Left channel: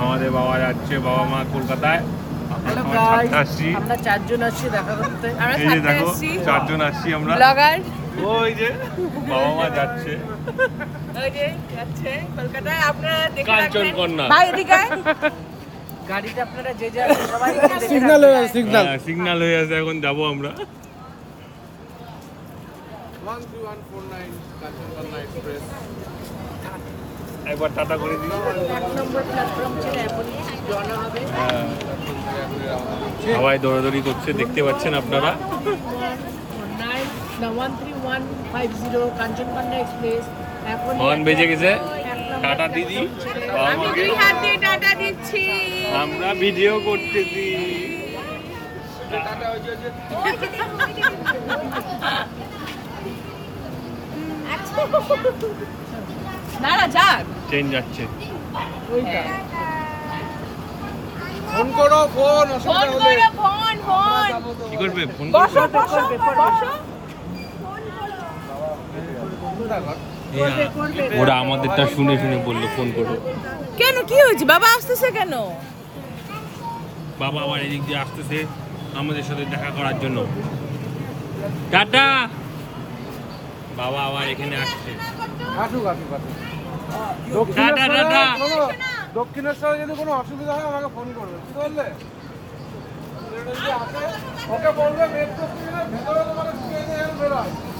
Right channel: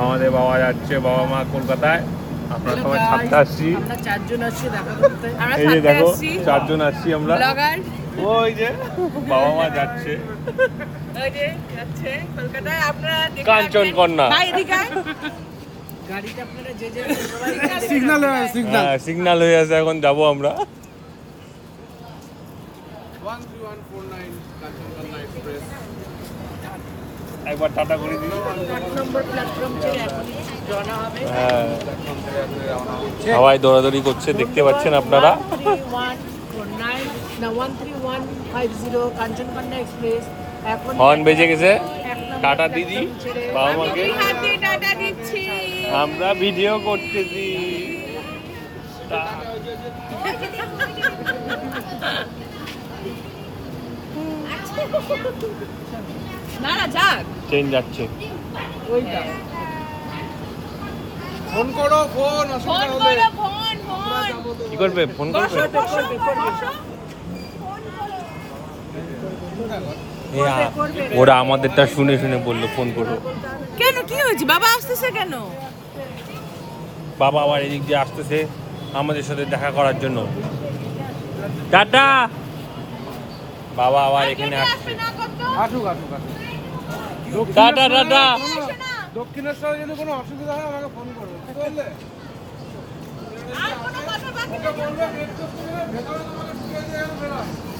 আমাদের বাবা যাচ্ছে, বাবা মা কলকাতায়। আমরা সবাই সাথে আসছি। আমরা 4 জন আসছি দেখা করতে। আমরা এই যে সাথে দেখো আসছি 4 জন আসছি আমরা। ব্লগার। ওই যে বাবা মা যাচ্ছে ওই যে যাচ্ছে কলকাতায়। আপনারা দেখে কাঞ্চন রাখবেন। কন্যা। ভাই এদিকে আয়। গাড়িটা আপনারা যে যে সবাই সিগন্যাল হয়ে সিগন্যাল সিগন্যাল হয়ে আছে, এখন যাবো আমরা। 13149 কাঞ্চনজঙ্ঘা এক্সপ্রেস। একবার টাটা করে দিই। 8 নম্বর প্ল্যাটফর্ম থেকে এখন রওনা হবে। হ্যাঁ, সবাই দৌড়াদৌড়ি করছে, দেখতে পাচ্ছেন আপনারা। 13150 কাঞ্চনজঙ্ঘা এক্সপ্রেস। এখন হর্ন বেজে গেছে। এক নম্বর টাটা দিদি, প্ল্যাটফর্ম ছেড়ে বাবা আমি মাকে। দুই হাত দিয়ে টাটা দিচ্ছি। আমরা ভিডিও করতেছি। না না যাক ট্রেন যাচ্ছে। ওইটা ফোন করো, ফোন অসুবিধা ফোন হলে। করো ফোন কি করবে? ফোন বসো করবে? বসো বসো ওরা আমাদেরটা শুনে শুনে বললো ফোন করো। কেন কি হয়েছে বাবা আসতেছে কেন? বাবা আবার এদিক দিয়ে আসতেছে আমাদের সাথে দেখা করার জন্য। টাটা। বাবা আবার এখানে আসছে। আসুক আসুক আসুক। Tata tata. দক্ষিণেশ্বরে যদি কোনো অসুবিধা হয় আমাকে ফোন করবে, বুঝতে পারলে? ওকে বলবে ভেতরে তোমাকে ঢুকিয়ে দিয়ে বেরোয়।